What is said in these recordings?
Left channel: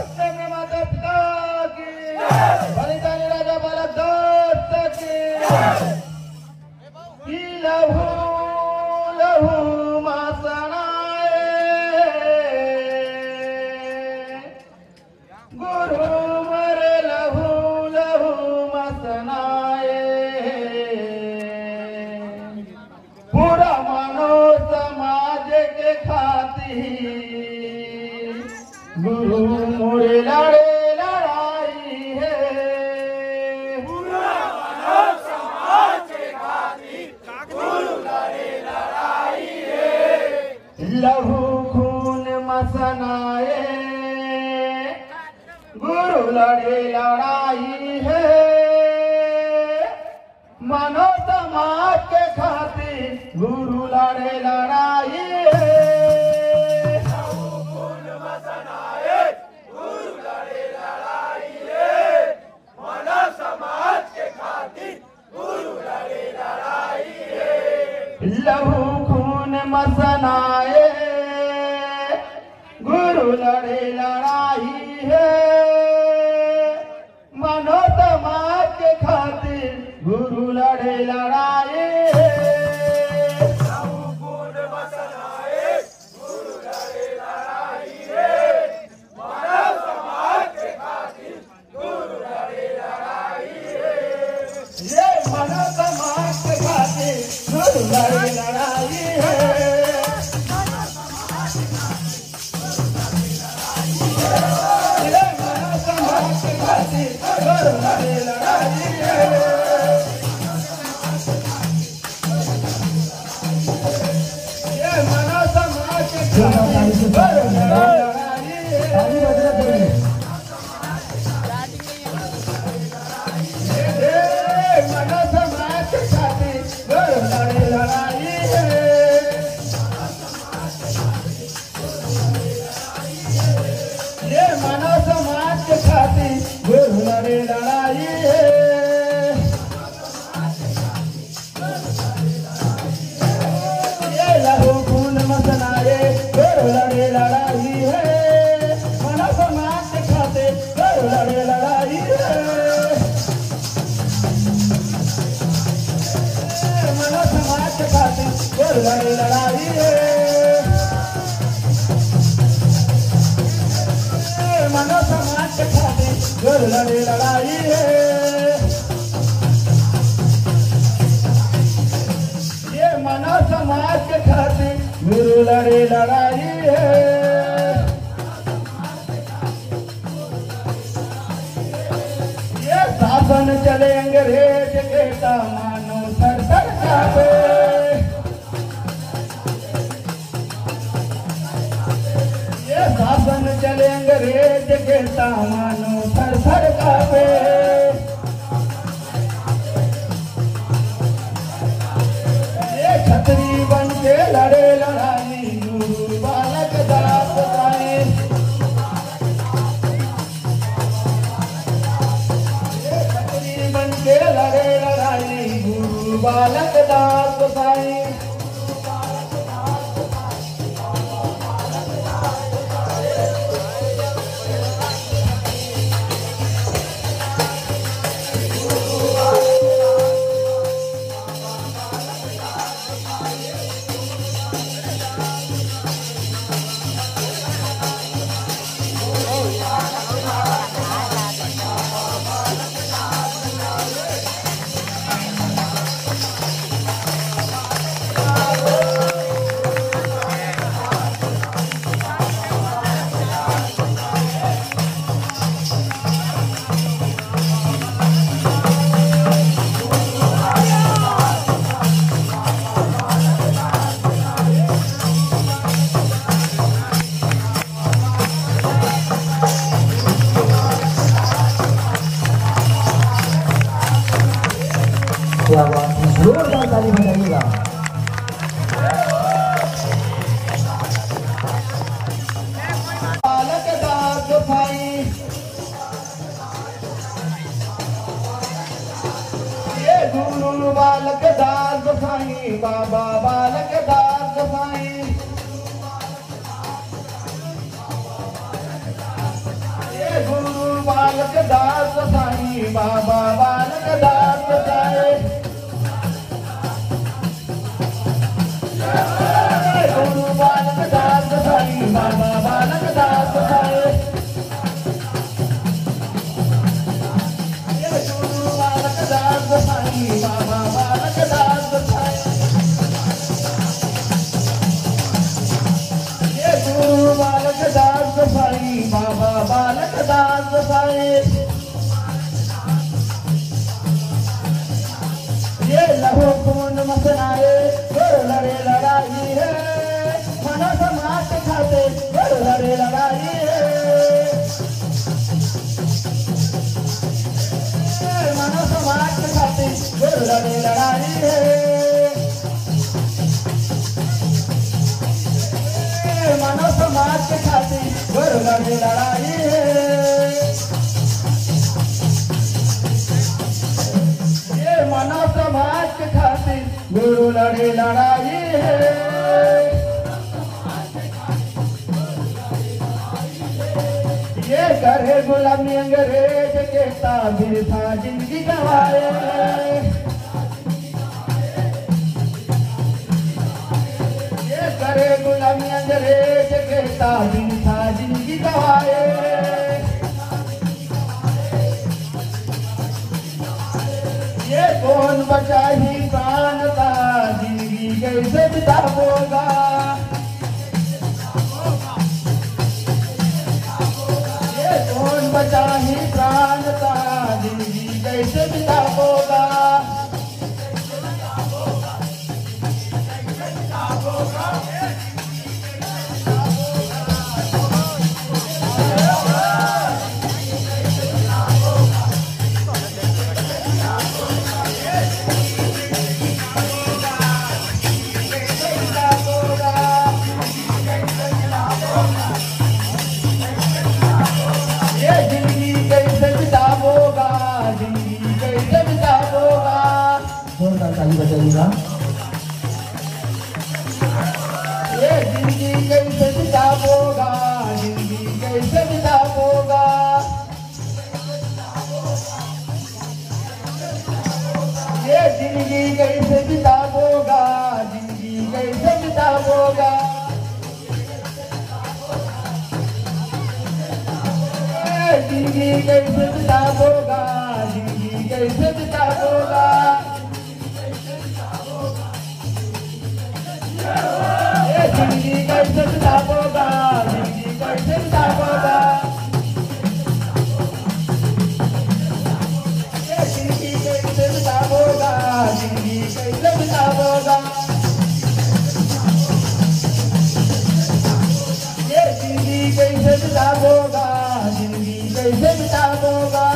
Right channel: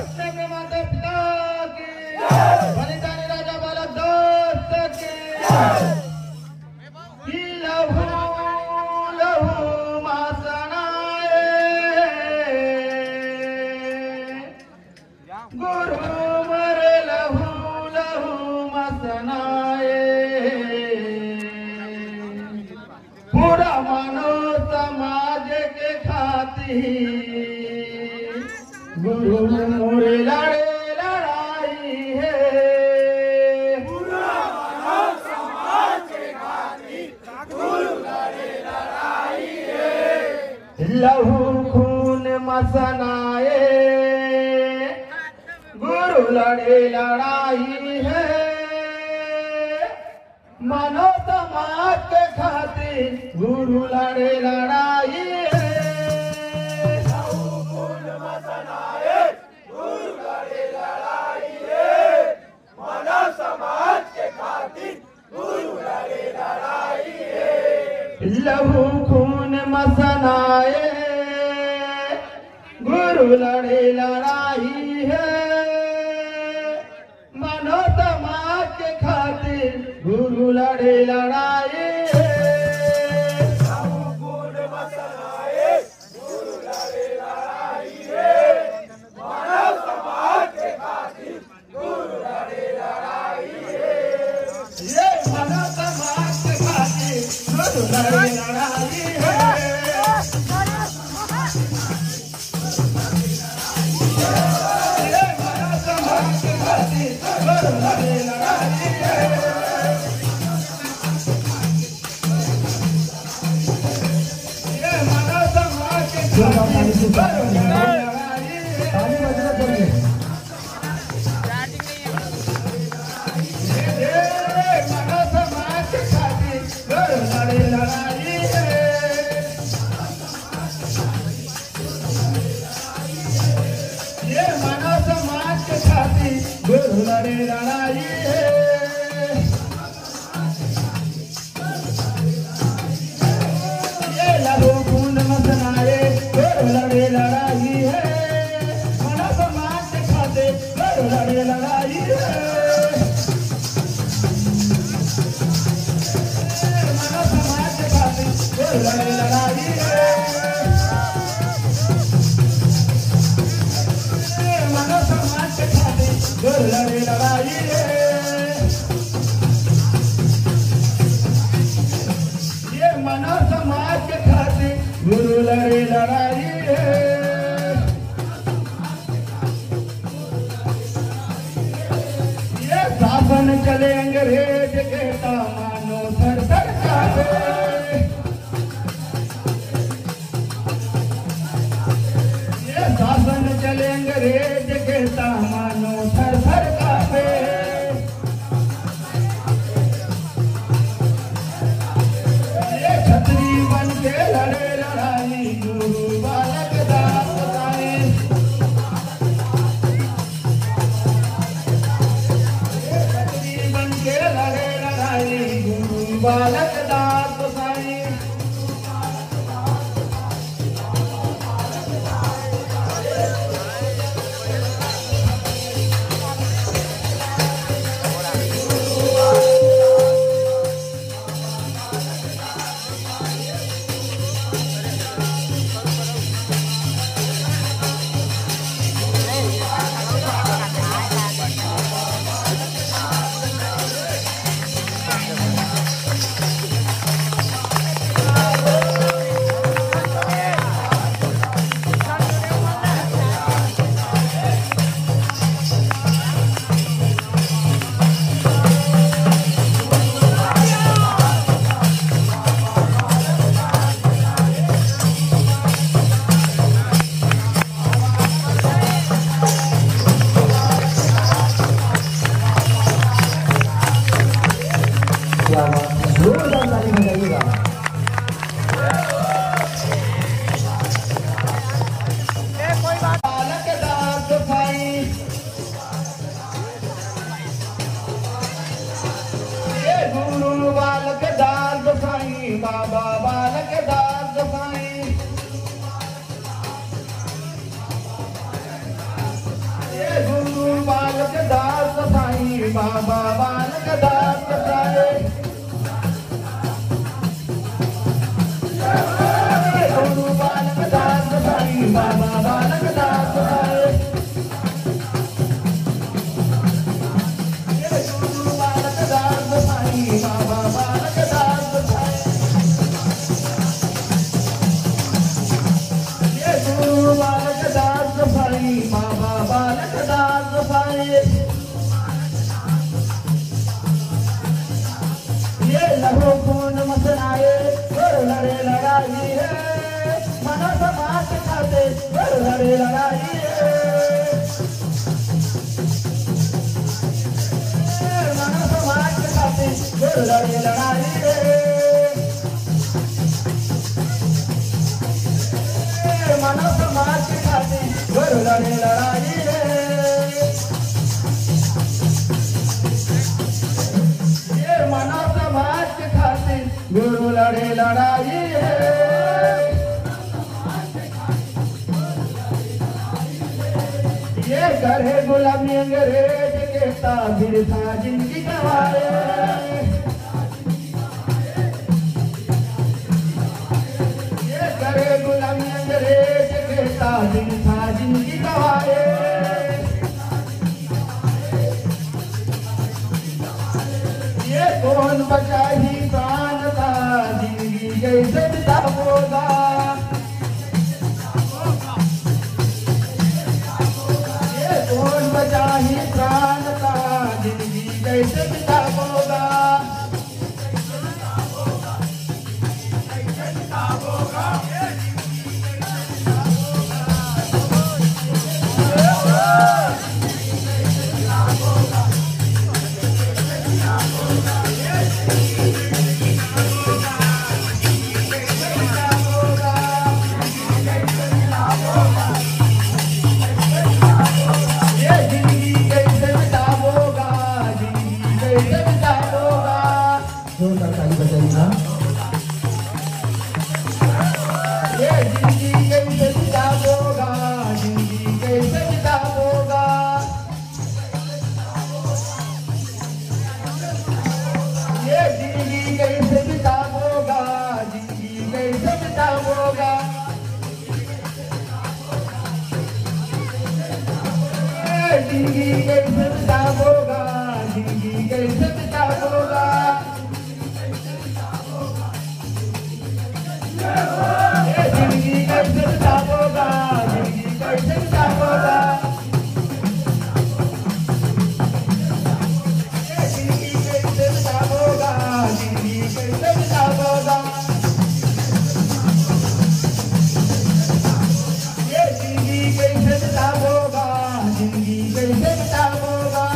माता पिता की बलिदानी राजा बाला दोस्त की लहू लहू मासनाए गुरु मरे लहू लहू मासनाए पूरा मानव समाज के खातिर गुरु मोरे लड़े लड़ाई है। पूरा मानव समाज के खातिर गुरु लड़े लड़ाई है। लहू खून मसनाए गुरु लड़े लड़ाई है। मानव समाज के खातिर गुरु लड़े लड़ाई है। लहू खून मसनाए गुरु लड़े लड़ाई है। मानो समाज के खातिर गुरु लड़े लड़ाई है। लहू खून मसनाए गुरु लड़े लड़ाई है। मानव समाज के खातिर गुरु लड़े लड़ाई है। ये मानव समाज के खातिर गुरु लड़े लड़ाई है। ये मानव समाज के खातिर गुरु लड़े लड़ाई है। ये मानव समाज के खातिर गुरु लड़े लड़ाई है। मानव समाज के खातिर गुरु लड़े लड़ाई है। ये मानव समाज के खातिर गुरु लड़े लड़ाई है। ये लहू खून मसनाए गुरु लड़े लड़ाई है। मानव समाज के खातिर गुरु लड़े लड़ाई है। मानव समाज के खातिर गुरु लड़े लड़ाई है। मानव समाज के खातिर गुरु लड़े लड़ाई है। ये मानव समाज के खातिर गुरु लड़े लड़ाई है। ये शासन चले अंग्रेज के मानो सर सर कापे। ये शासन चले अंग्रेज के मानो सर सर कापे। ये छतरी बन के लड़े लड़ाई गुरु बालक दास आए। ये छतरी बन के लड़े लड़ाई गुरु बालक दास साई। गुरु बालक दास साईं बाबा बालक दास साईं गुरु बालक दास साईं बाबा बालक दास साईं गुरु बालक दास साईं बाबा बालक दास गुरु बालक दास साईं बाबा बालक दास साईं ये लहू खून मसनाए लड़े लड़ाई है मन समाज खाते लड़े लड़ाई है मन समाज खाते लड़े लड़ाई है मन समाज खाते लड़े लड़ाई है ये मन समाज खातिर गुरु लड़े लड़ाई है ये करे गुलामी अंग्रेज के ताबिर था जिंदगी गवाए ये करे गुलामी अंग्रेज के ताबिर था जिंदगी गवाए ये कौन बचा ही कान का जिंदगी कैसे बिताओगा ये कौन बचा ही कान का जिंदगी कैसे बिताओगा ये जिंदगी कैसे बिताओगा जिंदगी कैसे बिताओगा जोरदार ताली बजाइएगा ये जिंदगी कैसे बिताओगा जिंदगी कैसे बिताओगा ये जिंदगी कैसे बिताओगा जिंदगी कैसे बिताओगा जिंदगी कैसे बिताओगा जिंदगी कैसे बिताओगा ये जिंदगी कैसे बिताओगा जिंदगी कैसे बिताओगा ये जिंदगी कैसे बिताओगा जिंदगी कैसे बिताओगा ये जिंदगी कैसे बिताओगा जिंदगी कैसे बिताओगा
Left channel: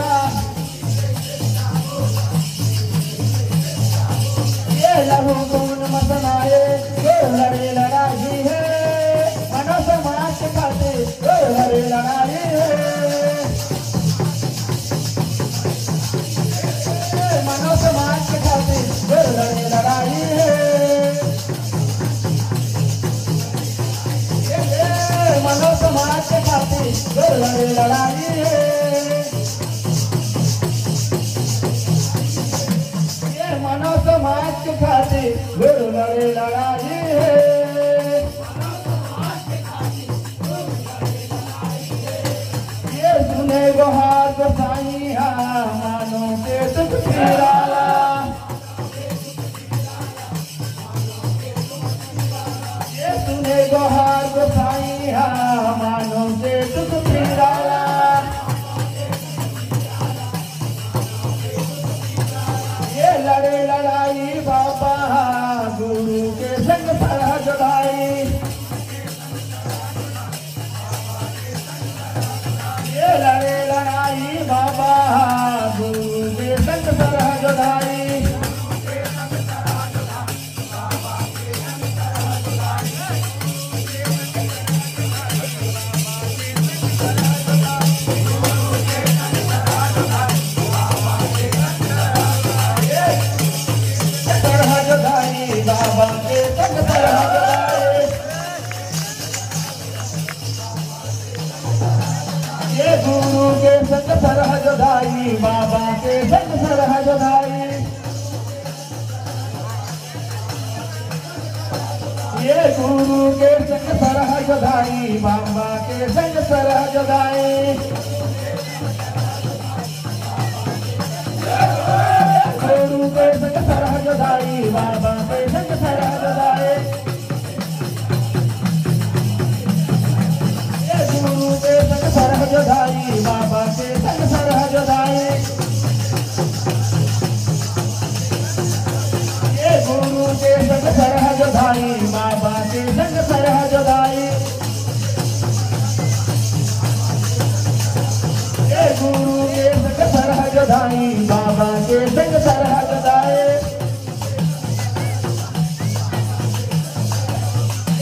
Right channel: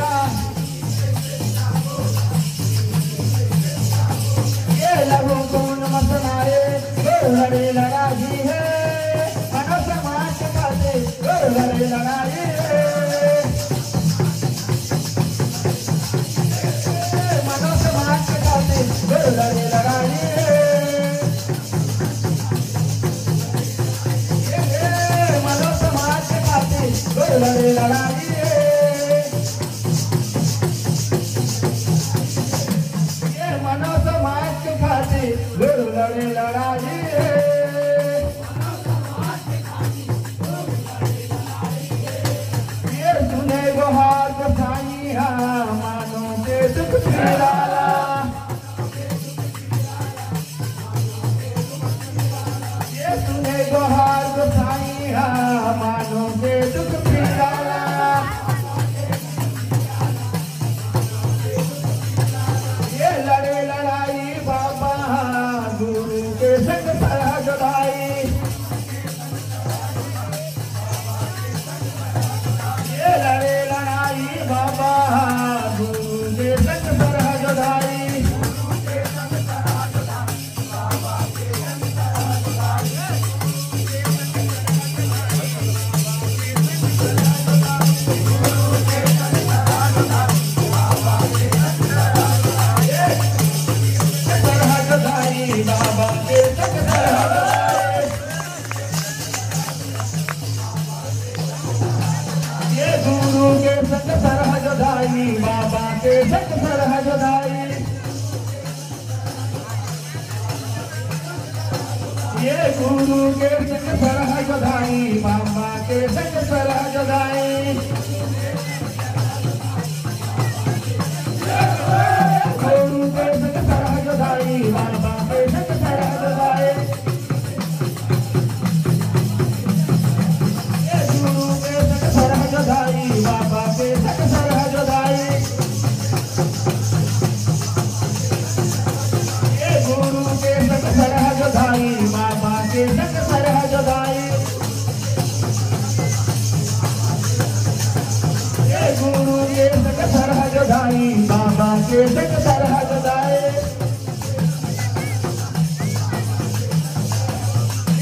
बधाई बाबा के जग सरहद बधाई। ये गुरु के जग सरहद बधाई बाबा के जग सरहद बधाई। गुरु के जग सरहद बधाई बाबा के जग सरहद बधाई। ये गुरु के जग सरहद बधाई बाबा के जग सरहद बधाई। ये गुरु के जग सरहद बधाई बाबा के जग सरहद बधाई। ये गुरु के जग सरहद बधाई बाबा के जग सरहद बधाई।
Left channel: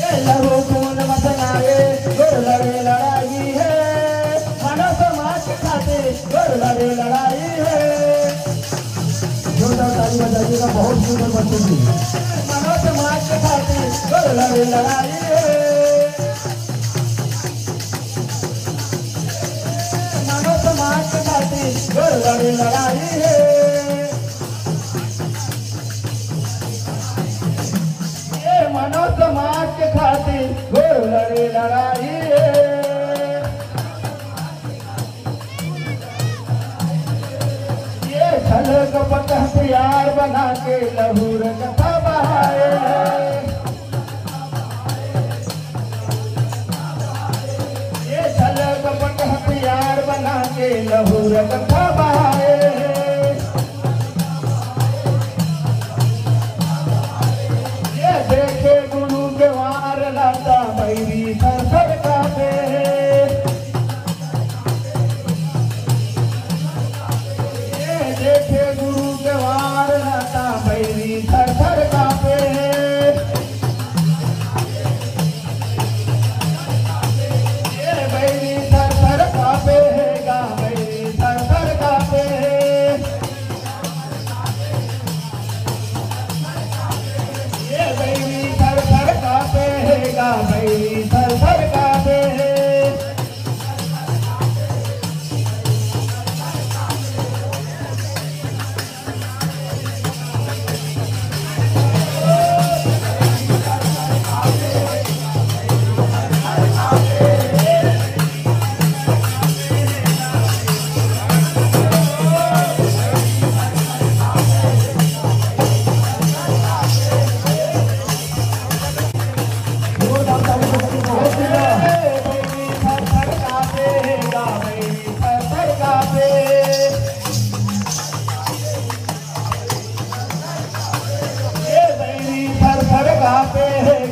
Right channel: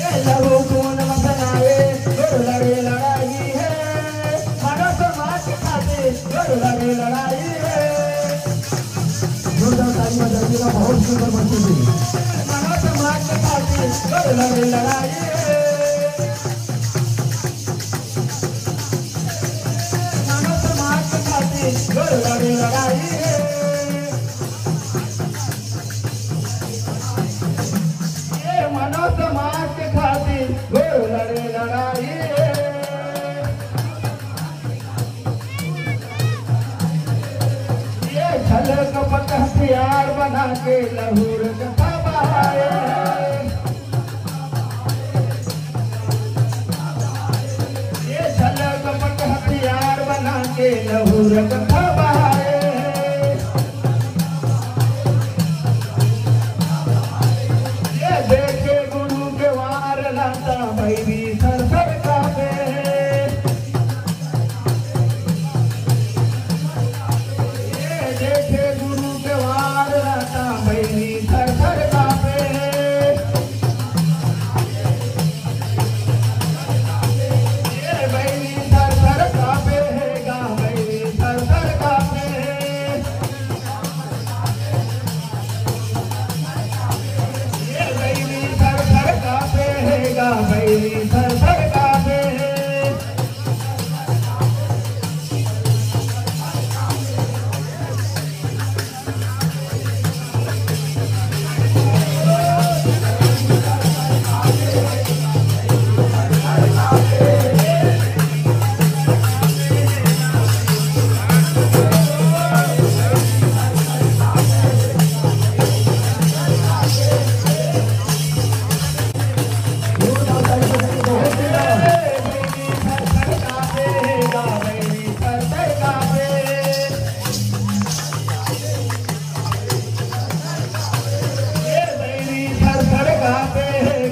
ये लहू खून मसनाए गुरु लड़े लड़ाई है। मानव समाज के खातिर गुरु लड़े लड़ाई है। जोरदार ताली बजाइएगा, बहुत सुंदर बच्चे थी। मानव समाज के खातिर गुरु लड़े लड़ाई है। मानव समाज के खातिर गुरु लड़े लड़ाई है। ये मानव समाज के खातिर गुरु लड़े लड़ाई है। ये छल कपट हथियार बना के लहूर कथा बहाए हैं। ये छल कपट हथियार बना के लहूर कथा बहाए हैं। ये देखे गुरु के वार लाता बैरी सर सर कांपे हैं। ये देखे गुरु के वार लाता बैरी सर सर कांपे हैं। ये बैरी सर सर कांपे हैं गा बैरी सर सर कांपे हैं। ये बैरी सर सर कांपे हैं गा बैरी सर सर कांपे हैं। बैरी सर सर कांपे हैं।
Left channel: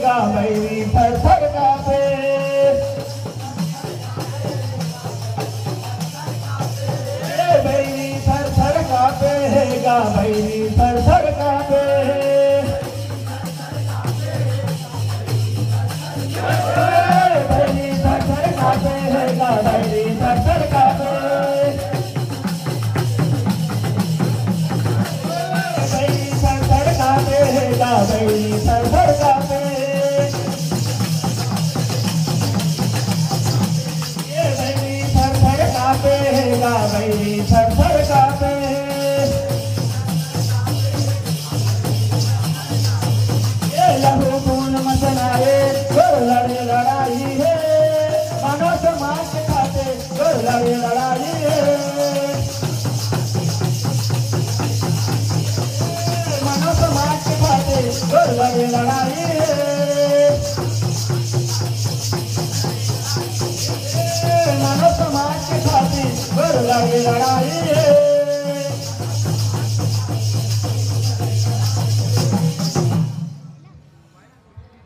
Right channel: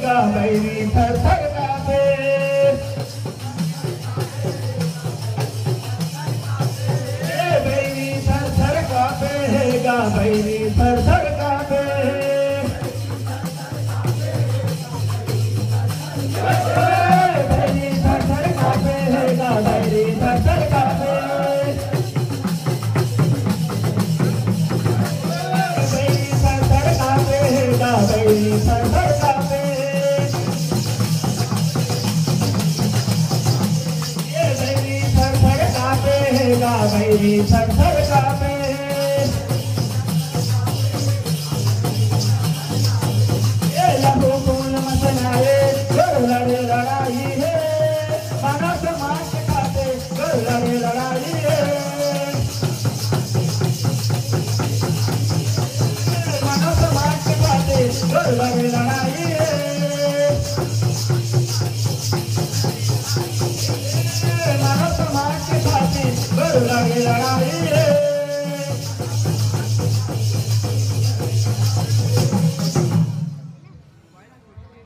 बैरी सर सर कांपे हैं गा बैरी सर सर कांपे हैं। बैरी सर सर कांपे हैं गा बैरी सर सर कांपे हैं। ये बैरी सर सर कांपे हैं गा बैरी सर सर कांपे हैं। लहू खून मसनाए गुरु लड़े लड़ाई है। मानव समाज के खातिर गुरु लड़े लड़ाई है। मानव समाज के खातिर गुरु लड़े लड़ाई है। मानव समाज के खातिर गुरु लड़े लड़ाई है।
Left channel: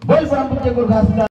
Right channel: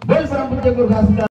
बोल परम पूज्य गुरु घासीदास।